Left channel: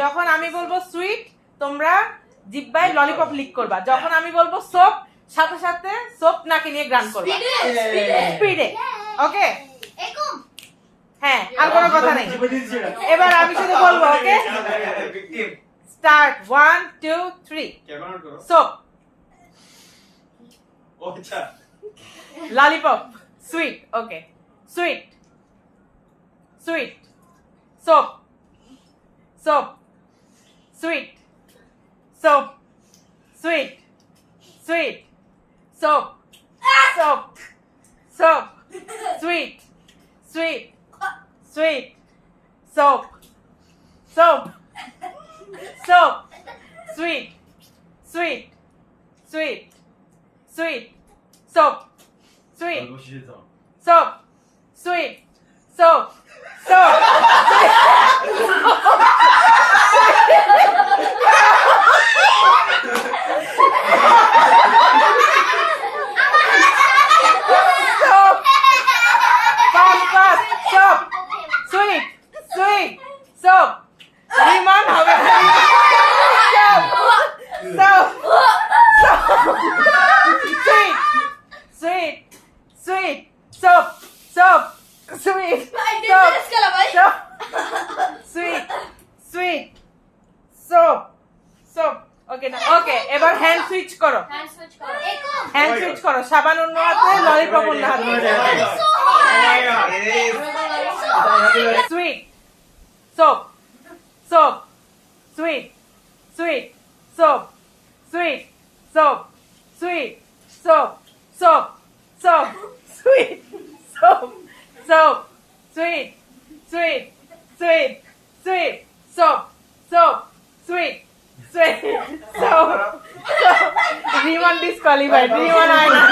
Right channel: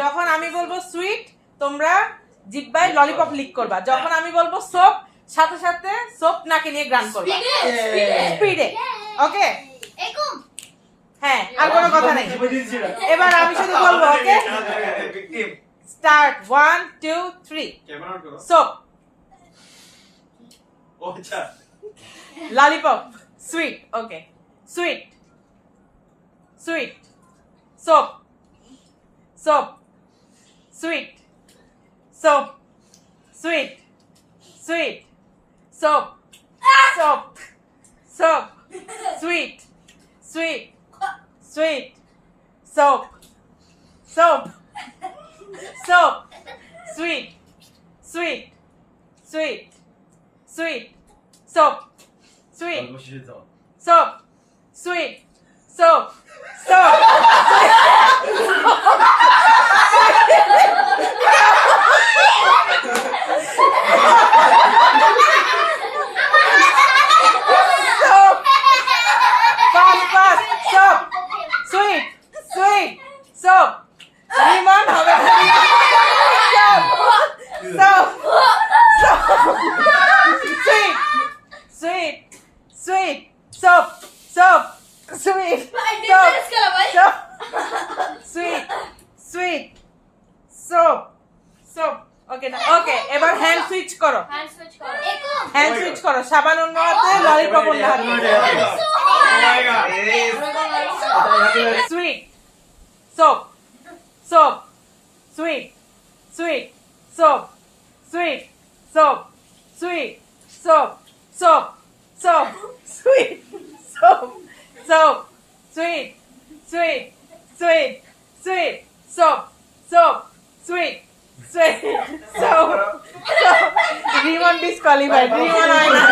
যখন আমি বলবো সুইট তোমরা জিহ্বায় ললিপপ লিক করবা, যখন আমি বলবো সোপ সাথে সাথে সোপ নাকে নিয়ে গ্রান করবা স্পিডে। ওকে হ্যাঁ, আর কোনো কথা নেই। এবার আমি শুধু বলবো। Okay start 1 2 3 soap lollipop sweet. Okay sweet sweet soap soap sweet soap sweet sweet soap soap soap sweet sweet sweet soap soap soap sweet sweet sweet sweet soap sweet soap sweet soap soap soap sweet sweet soap lemon হবে না soap soap soap sweet sweet sweet soap soap sweet soap soap sweet sweet soap soap ওকে না ওকে এবার hand switch করো hand switch করো সাবান অন্য হাতে ললিপপ অন্য হাতে sweet soap soap sweet sweet soap sweet soap sweet soap soap soap sweet soap soap sweet sweet sweet sweet soap soap sweet sweet soap soap Rimon ডিসকোয়ালিফাইড রিমন হয় না